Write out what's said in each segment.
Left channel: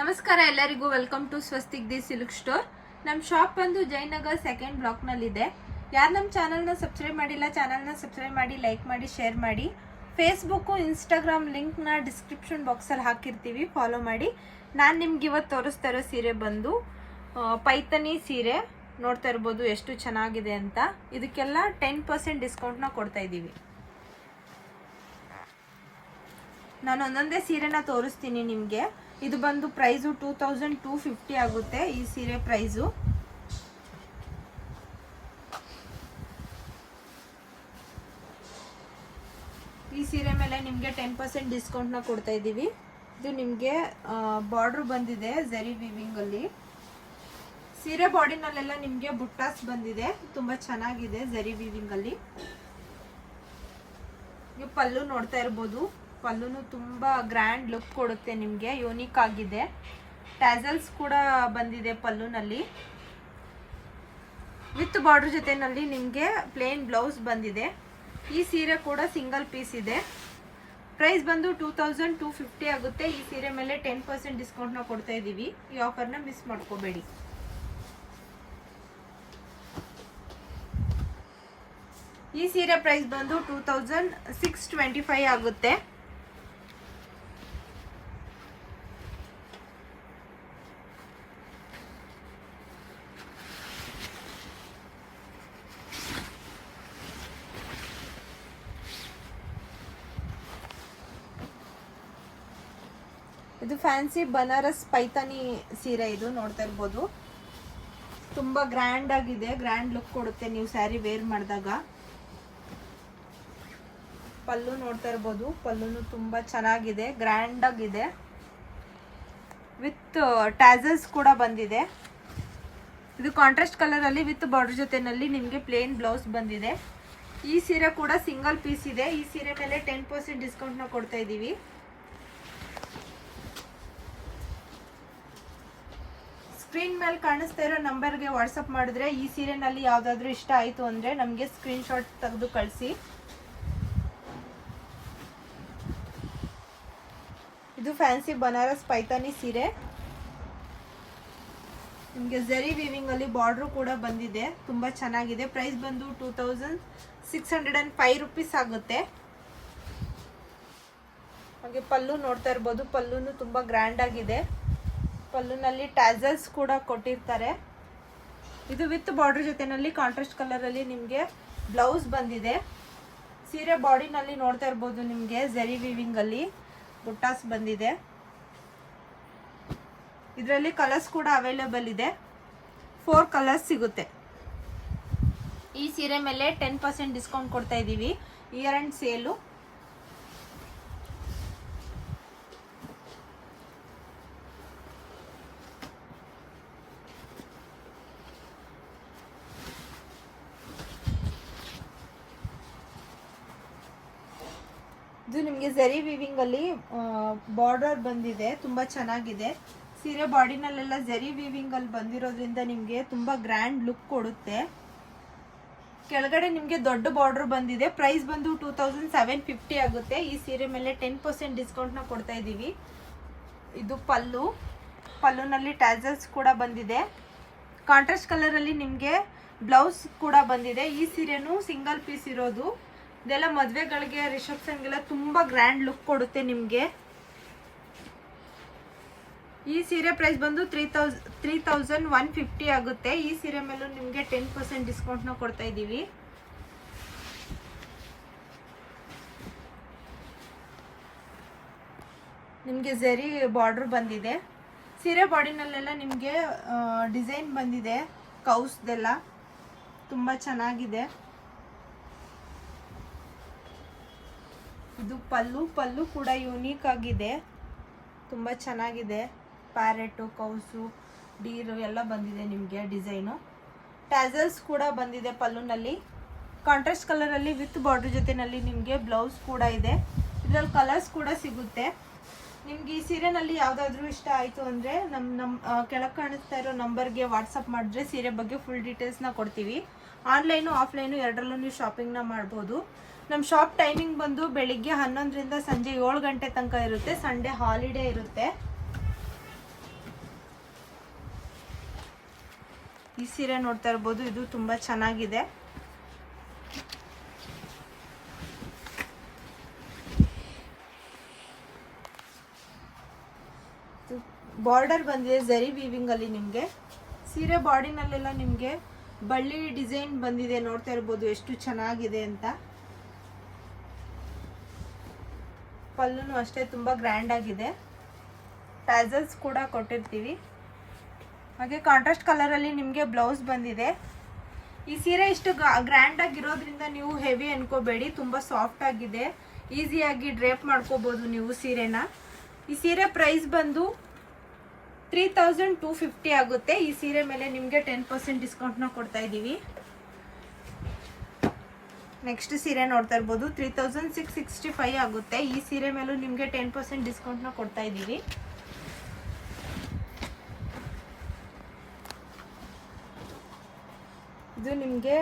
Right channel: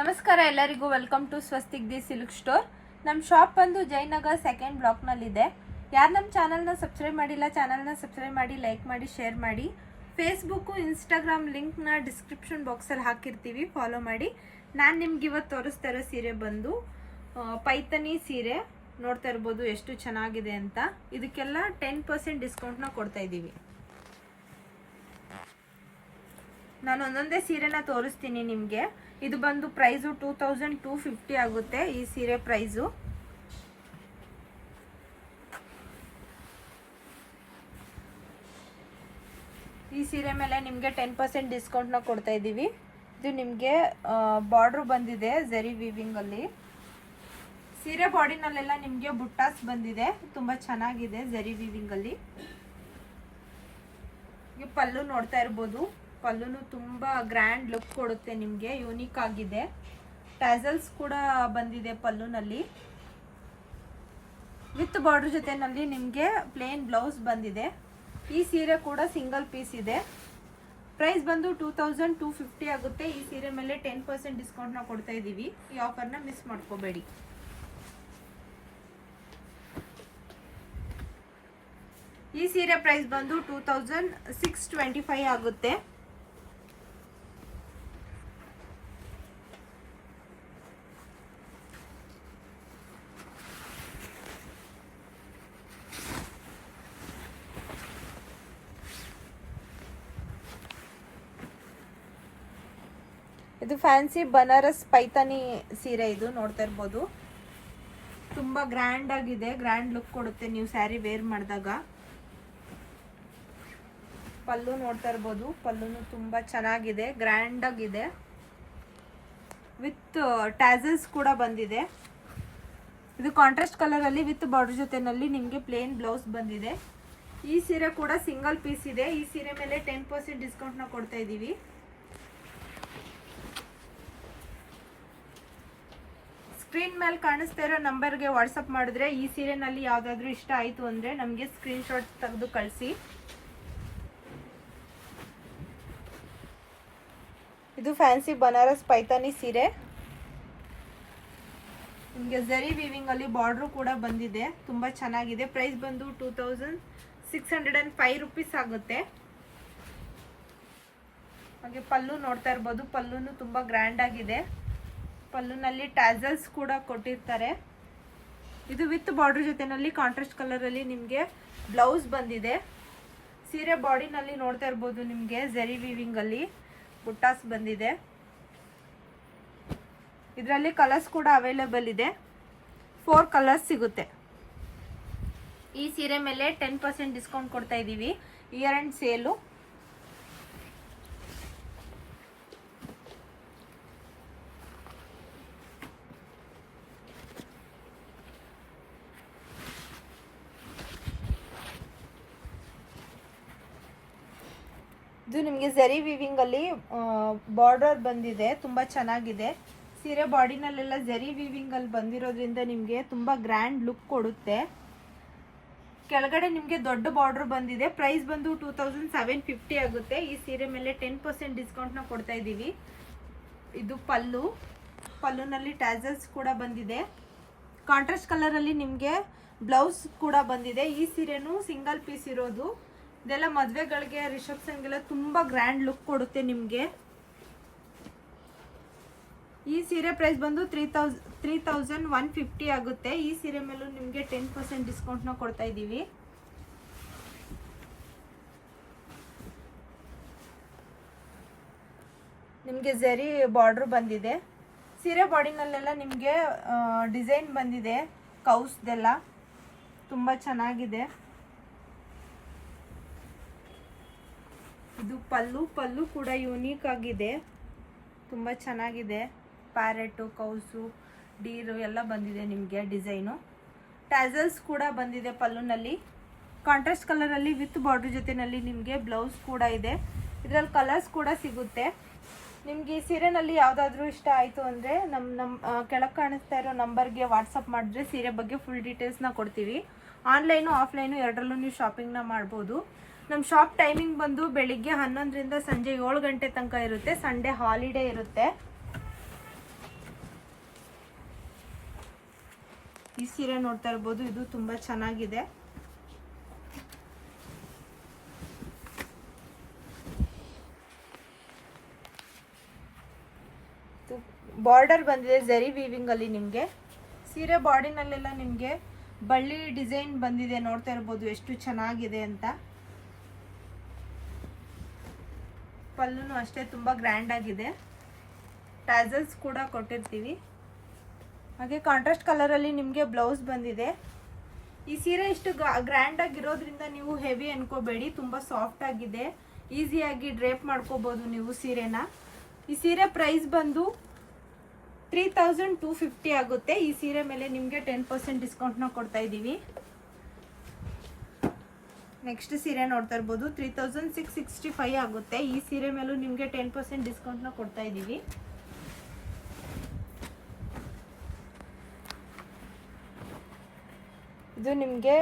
ನಮಸ್ಕಾರ ಎಲ್ಲರಿಗೂ, welcome to Swastik the silk store. ನಮ್ಮ ಶಾಪ್ ಬಂದು ಜಯನಗರ್ 2nd ಬ್ಲಾಕ್ ನಲ್ಲಿ ಇದೆ. ಯಾರು ನಮ್ಮ ಚಾನಲ್ನ ಸಬ್ಸ್ಕ್ರೈಬ್ ಮಾಡಿಲ್ಲ, ಚಾನಲ್ನ ಸಬ್ಸ್ಕ್ರೈಬ್ ಮಾಡಿ, ಲೈಕ್ ಮಾಡಿ, ಶೇರ್ ಮಾಡಿ. ಫೇಸ್ಬುಕ್, ಇನ್ಸ್ಟಾಗ್ರಾಮ್ ಲಿಂಕ್ನ ಡಿಸ್ಕ್ರಿಪ್ಷನ್ ಬಾಕ್ಸಲ್ಲಿ ಹಾಕಿರ್ತೀವಿ, ಫಾಲೋ ಮಾಡಿ. ನಾನು ನಿಮ್ಗೆ ಇವತ್ತು ತೋರಿಸ್ತಾ ಇರೋ ಸೀರೆ ಬಂದು ಪೈಥಾನಿ ಸೀರೆ. ನೋಡ್ತಾ ಇರ್ಬೋದು ಎಷ್ಟು ಚೆನ್ನಾಗಿದೆ ಅಂತ. ಇದಕ್ಕೆಲ್ಲ 10% ಡಿಸ್ಕೌಂಟ್ನ ಕೊಡ್ತಾ ಇದ್ದೀವಿ. ನಾನು ಒಂದೊಂದೇ ಸೀರೆನ ತೋರಿಸ್ತೀನಿ ನಿಮಗೆ. ಇದು ಬಂದು ಪ್ರೈಸು 2250 ಆಗುತ್ತೆ ಈ ಸೀರೆ ಪ್ರೈಸು. ಈ ಸೀರೆ ಮೇಲೆ ನಿಮಗೆ 10% ಡಿಸ್ಕೌಂಟ್ನ ಕೊಡ್ತಾ ಇದ್ದೀವಿ. ಇದು ನಿಮಗೆ ಬಾರ್ಡ್ರ್ ಬಂದಿದೆ ಝರಿ ವೀವಿಂಗ್ ಅಲ್ಲಿ. ಸೀರೆ ಬಾಡಿನಲ್ಲೆಲ್ಲ ನಿಮಗೆ ಬುಟ್ಟಾಸ್ ಬಂದಿದೆ, ತುಂಬಾ ಚೆನ್ನಾಗಿದೆ ಝರಿ ವೀವಿಂಗ್ ಅಲ್ಲಿ. ಪಲ್ಲು ನೋಡ್ತಾ ಇರ್ಬೋದು, ಪಲ್ಲುನು ತುಂಬಾ ಗ್ರ್ಯಾಂಡ್ ಲುಕ್ ಕೊಡುತ್ತೆ ನಿಮಗೆ, ಯೂನಿಕ್ ಆಗಿದೆ. ಟ್ಯಾಸಲ್ಸ್ ಕೂಡ ಬಂದಿದೆ ಪಲ್ಲುನಲ್ಲಿ. ವಿತ್ ಬಾರ್ಡರ್ ಜೊತೆನಲ್ಲಿ ನಿಮಗೆ ಪ್ಲೇನ್ ಬ್ಲೌಸ್ ಬಂದಿದೆ. ಈ ಸೀರೆ ಕೂಡ ಸಿಂಗಲ್ ಪೀಸ್ ಇದೆ. ಪ್ರೈಸ್ ಬಂದು 2250 ಆಗುತ್ತೆ. ಈ ಸೀರೆ ಮೇಲೆ 10% ಡಿಸ್ಕೌಂಟ್ನ ಕೊಡ್ತಾ ಇದ್ದೀವಿ. ಈ ಆಫರ್ನ ಮಿಸ್ ಮಾಡ್ಕೋಬೇಡಿ. ಈ ಸೀರೆ ಪ್ರೈಸ್ ಬಂದು 2625 ಆಗುತ್ತೆ. ಇದು ಫ್ಯಾನ್ಸಿ ಬನಾರಸ್ ಪೈಥಾನಿ ಸೀರೆ. ಇದು ನೋಡ್ತಾ ಇರ್ಬೋದು, ತುಂಬಾ ಗ್ರ್ಯಾಂಡ್ ಆಗಿದೆ, ಗ್ರ್ಯಾಂಡ್ ಲುಕ್ ಕೊಡುತ್ತೆ ನೀವು ಸ್ಯಾರಿ ವೇರ್ ಮಾಡಿದಾಗ. ಪಲ್ಲು ನೋಡ್ತಾ ಇರ್ಬೋದು, ಪಲ್ಲುನು ತುಂಬಾ ಚೆನ್ನಾಗಿದೆ, ಗ್ರ್ಯಾಂಡ್ ಆಗಿದೆ. ವಿತ್ ಟ್ಯಾಸಲ್ಸ್ ಕೂಡ ಬಂದಿದೆ. ಇದು ಕಾಂಟ್ರಾಸ್ಟ್ ಕಲರ್ ಅಲ್ಲಿ ವಿತ್ ಬಾರ್ಡರ್ ಜೊತೆನಲ್ಲಿ ನಿಮಗೆ ಪ್ಲೇನ್ ಬ್ಲೌಸ್ ಬಂದಿದೆ. ಈ ಸೀರೆ ಕೂಡ ಸಿಂಗಲ್ ಪೀಸ್ ಇದೆ. ಈ ಸೀರೆ ಮೇಲೆ 10% ಡಿಸ್ಕೌಂಟ್ನ ಕೊಡ್ತಾ ಇದ್ದೀವಿ. ಸ್ಕ್ರೀನ್ ಮೇಲೆ ಕಾಣಿಸ್ತಾ ಇರೋ ನಂಬರ್ಗೆ ವಾಟ್ಸಪ್ ಮಾಡಿದ್ರೆ ಈ ಸೀರೆನಲ್ಲಿ ಯಾವ್ದಾದ್ರು ಇಷ್ಟ ಆಯ್ತು ಅಂದ್ರೆ ನಮಗೆ ಸ್ಕ್ರೀನ್ ಶಾಟ್ ತೆಗೆದು ಕಳಿಸಿ. ಇದು ಫ್ಯಾನ್ಸಿ ಬನಾರಸ್ ಪೈಥಾನಿ ಸೀರೆ. ನಿಮಗೆ ಝರಿ ವೀವಿಂಗ್ ಅಲ್ಲಿ ಬಾರ್ಡರ್ ಕೂಡ ಬಂದಿದೆ, ತುಂಬಾ ಚೆನ್ನಾಗಿದೆ. ಪ್ರೈಸ್ ಬಂದು 2605 ರೂಪೀಸ್ ಆಗುತ್ತೆ. ಹಾಗೆ ಪಲ್ಲು ನೋಡ್ತಾ ಇರ್ಬೋದು, ಪಲ್ಲುನು ತುಂಬಾ ಗ್ರ್ಯಾಂಡ್ ಆಗಿದೆ. ಪಲ್ಲುನಲ್ಲಿ ಟ್ಯಾಸಲ್ಸ್ ಕೂಡ ಕೊಟ್ಟಿರ್ತಾರೆ. ಇದು ವಿತ್ ಬಾರ್ಡರ್ ಜೊತೆನಲ್ಲಿ ಕಾಂಟ್ರಾಸ್ಟ್ ಕಲರ್ ಅಲ್ಲಿ ನಿಮಗೆ ಬ್ಲೌಸ್ ಬಂದಿದೆ. ಸೀರೆ ಬಾಡಿನಲ್ಲಿ ನೋಡ್ತಾ ಇರ್ಬೋದು, ನಿಮಗೆ ಝರಿ ವೀವಿಂಗ್ ಅಲ್ಲಿ ಬುಟ್ಟಾಸ್ ಬಂದಿದೆ. ಇದರಲ್ಲಿ ಕಲರ್ಸ್ ಕೂಡ ಅವೈಲೇಬಲ್ ಇದೆ. 4 ಕಲರ್ಸ್ ಸಿಗುತ್ತೆ. ಈ ಸೀರೆ ಮೇಲೆ 10% ಡಿಸ್ಕೌಂಟ್ ಕೊಡ್ತಾ ಇದ್ದೀವಿ. Year and sale. ಇದು ನಿಮಗೆ ಝರಿ ವೀವಿಂಗ್ ಅಲ್ಲಿ ಬಾರ್ಡರ್ ಬಂದಿದೆ, ತುಂಬಾ ಚೆನ್ನಾಗಿದೆ. ಸೀರೆ ಬಾಡಿನಲ್ಲೆಲ್ಲ ಝರಿ ವೀವಿಂಗ್ ಅಲ್ಲಿ ಬಂದಿರೋದ್ರಿಂದ ನಿಮಗೆ ತುಂಬಾ ಗ್ರ್ಯಾಂಡ್ ಲುಕ್ ಕೊಡುತ್ತೆ. ಕೆಳಗಡೆ ನಿಮಗೆ ದೊಡ್ಡ ಬಾರ್ಡರ್ ಬಂದಿದೆ. ಪ್ರೈಸ್ ಬಂದು 2750 ಆಗುತ್ತೆ. ಈ ಸೀರೆ ಮೇಲೆ 10% ಡಿಸ್ಕೌಂಟ್ನ ಕೊಡ್ತಾ ಇದ್ದೀವಿ. ಇದು ಪಲ್ಲು. ಪಲ್ಲುನಲ್ಲಿ ಟ್ಯಾಸಲ್ಸ್ ಕೂಡ ಬಂದಿದೆ. ಕಾಂಟ್ರಾಸ್ಟ್ ಕಲರ್ ಅಲ್ಲಿ ನಿಮಗೆ ಬ್ಲೌಸ್ ಕೂಡ ಬಂದಿದೆ. ಈ ಸೀರೆನೂ ಸಿಂಗಲ್ ಪೀಸ್ ಇರೋದು. ಇದೆಲ್ಲ ಮದುವೆಗಳಿಗೆ, ರಿಸೆಪ್ಷನ್ಗೆಲ್ಲ ತುಂಬಾ ಗ್ರ್ಯಾಂಡ್ ಲುಕ್ ಕೊಡುತ್ತೆ ನಿಮಗೆ. ಈ ಸೀರೆ ಪ್ರೈಸ್ ಬಂದು 3150 ಆಗುತ್ತೆ. ಈ ಸೀರೆ ಮೇಲೂ ನಿಮಗೆ 10% ಡಿಸ್ಕೌಂಟ್ನ ಕೊಡ್ತಾ ಇದ್ದೀವಿ. ನಿಮಗೆ ಝರಿ ಬಾರ್ಡರ್ ಬಂದಿದೆ. ಸೀರೆ ಬಾಡಿನಲ್ಲೆಲ್ಲ ನಿಮಗೆ ಡಿಸೈನ್ ಬಂದಿದೆ, ಕೌಸ್ದೆಲ್ಲ ತುಂಬಾ ಚೆನ್ನಾಗಿದೆ. ಇದು ಪಲ್ಲು. ಪಲ್ಲು ಕೂಡ ಯೂನಿಕ್ ಆಗಿದೆ, ತುಂಬಾ ಚೆನ್ನಾಗಿದೆ. ಪ್ಯಾರೆಟು, ಕೌಸು, ಡೀರು ಎಲ್ಲ ಬಂದಿದೆ ನಿಮಗೆ ಡಿಸೈನು. ಟ್ಯಾಸಲ್ಸ್ ಕೂಡ ಬಂದಿದೆ ಪಲ್ಲುನಲ್ಲಿ. ಕಾಂಟ್ರಾಸ್ಟ್ ಕಲರ್ ಅಲ್ಲಿ ವಿತ್ ಬಾರ್ಡರ್ ಜೊತೆನಲ್ಲಿ ನಿಮಗೆ ಬ್ಲೌಸ್ ಕೂಡ ಇದೆ. ಇದರಲ್ಲಿ ಕಲರ್ಸ್ ಕೂಡ ಸಿಗುತ್ತೆ. ನಿಮ್ಗೆ ಈ ಸೀರೆನಲ್ಲಿ ಯಾವ್ದಾದ್ರು ಇಷ್ಟ ಆಯ್ತು ಅಂದ್ರೆ ನಮ್ಮ ಕೆಳಗೆ ಕಾಣಿಸ್ತಾ ಇರೋ ನಂಬರ್ಗೆ ವಾಟ್ಸಪ್ ಮಾಡಿದ್ರೆ ಸೀರೆ ಬಗ್ಗೆ ಫುಲ್ ಡೀಟೇಲ್ಸ್ನ ಕೊಡ್ತೀವಿ. ಆನ್ಲೈನು ಆಫ್ಲೈನು ಎರಡರಲ್ಲೂ ನೀವು ಶಾಪಿಂಗ್ನ ಮಾಡ್ಬೋದು. ನಮ್ಮ ಶಾಪ್ ಟೈಮಿಂಗ್ ಬಂದು ಬೆಳಿಗ್ಗೆ 11 ರಿಂದ ಸಂಜೆ 7 ಗಂಟೆ ತನಕ ಇರುತ್ತೆ. ಸಂಡೇ ಹಾಲಿಡೇ ಇರುತ್ತೆ. ಈ ಸೀರೆ ನೋಡ್ತಾ ಇರ್ಬೋದು, ಇದು ತುಂಬ ಚೆನ್ನಾಗಿದೆ. ಬಾರ್ಡರ್ ಬಂದಿದೆ ಝರಿ ವೀವಿಂಗ್ ಅಲ್ಲಿ ನಿಮಗೆ. ಸೀರೆ ಬಾಡಿನಲ್ಲೆಲ್ಲ ನಿಮಗೆ ಬಳ್ಳಿ ಡಿಸೈನ್ ಬಂದಿದೆ, ನೋಡ್ತಾ ಇರ್ಬೋದು ಎಷ್ಟು ಚೆನ್ನಾಗಿದೆ ಅಂತ. ಪಲ್ಲುನು ಅಷ್ಟೇ ತುಂಬ ಗ್ರ್ಯಾಂಡ್ ಆಗಿದೆ, ಟ್ಯಾಸಲ್ಸ್ ಕೂಡ ಕೊಟ್ಟಿರ್ತೀವಿ. ಹಾಗೆ ಕಾಂಟ್ರಾಸ್ಟ್ ಕಲರಲ್ಲಿ ನಿಮಗೆ ಬ್ಲೌಸ್ ಬಂದಿದೆ. ಈ ಸೀರೆ ಇಷ್ಟು ಗ್ರ್ಯಾಂಡ್ ಆಗಿರೋದ್ರಿಂದ ನೀವು ಹೆವಿ ಅನ್ಕೋಬೇಡಿ, ತುಂಬ ಸಾಫ್ಟ್ ಆಗಿದೆ, ಈಸಿಯಾಗಿ ಡ್ರೇಪ್ ಮಾಡ್ಕೋಬೋದು ನೀವು ಸೀರೆನ. ಈ ಸೀರೆ ಪ್ರೈಸ್ ಬಂದು 3250 ಆಗುತ್ತೆ. ಈ ಸೀರೆ ಮೇಲೆ ನಿಮಗೆ 10% ಡಿಸ್ಕೌಂಟ್ನ ಕೊಡ್ತಾ ಇದ್ದೀವಿ. ನೆಕ್ಸ್ಟ್ ಸೀರೆ ನೋಡ್ತಾ ಇರ್ಬೋದು, 3665 ಆಗುತ್ತೆ. ಈ ಸೀರೆ ಮೇಲೂ ನಿಮಗೆ 10% ಡಿಸ್ಕೌಂಟ್ನ ಕೊಡ್ತಾ ಇದ್ದೀವಿ. ಇದು ನಿಮಗೆ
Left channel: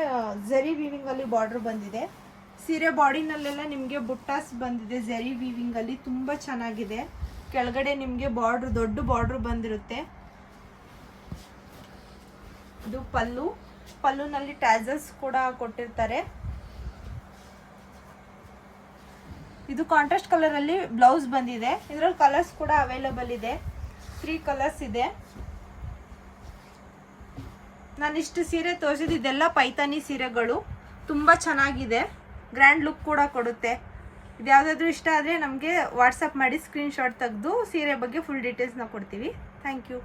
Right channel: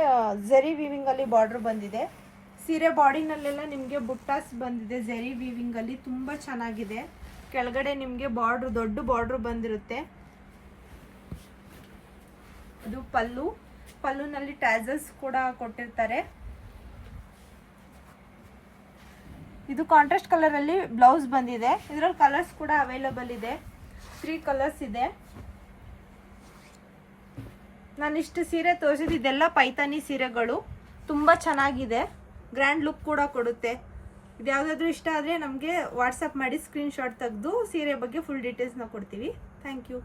ಝರಿ ವೀವಿಂಗ್ ಅಲ್ಲಿ ಬಾರ್ಡರ್ ಬಂದಿದೆ. ಸೀರೆ ಬಾಡಿನಲ್ಲೆಲ್ಲ ನಿಮಗೆ ಬುಟ್ಟಾಸ್ ಬಂದಿದೆ ಝರಿ ವೀವಿಂಗ್ ಅಲ್ಲಿ, ತುಂಬ ಚೆನ್ನಾಗಿದೆ. ಕೆಳಗಡೆ ನಿಮಗೆ ಬಾರ್ಡರ್, ದೊಡ್ಡ ಬಾರ್ಡರ್ ಬಂದಿರುತ್ತೆ. ಇದು ಪಲ್ಲುನಲ್ಲಿ ಟ್ಯಾಸಲ್ಸ್ ಕೂಡ ಕೊಟ್ಟಿರ್ತಾರೆ. ಇದು ಕಾಂಟ್ರಾಸ್ಟ್ ಕಲರ್ ಅಲ್ಲಿ ಬ್ಲೌಸ್ ಬಂದಿದೆ. ಇದರಲ್ಲಿ ಕಲರ್ಸ್ ಕೂಡ ಅವೈಲಬಲ್ ಇದೆ, 3 ಕಲರ್ಸ್ ಇದೆ. ನಾನು ಇಷ್ಟು ಸೀರೆ ತೋರಿಸಿದ್ದು ಇದೆಲ್ಲ ಪೈತಾನಿ ಸೀರೆಗಳು, ತುಂಬ ಚೆನ್ನಾಗಿದೆ, ಗ್ರ್ಯಾಂಡ್ ಲುಕ್ ಕೂಡ ಕೊಡುತ್ತೆ. ಇದು ಯಾವುದಾದ್ರೂ ಇಷ್ಟ ಆದರೆ ನಮಗೆ ವಾಟ್ಸಪ್ ಮಾಡಿ ಸ್ಕ್ರೀನ್ಶಾಟ್ ತೆಗೆದು ಸೀರೆ ಬಗ್ಗೆ ಫುಲ್ ಡೀಟೇಲ್ಸ್ನ ಕೊಡ್ತೀವಿ. Thank you.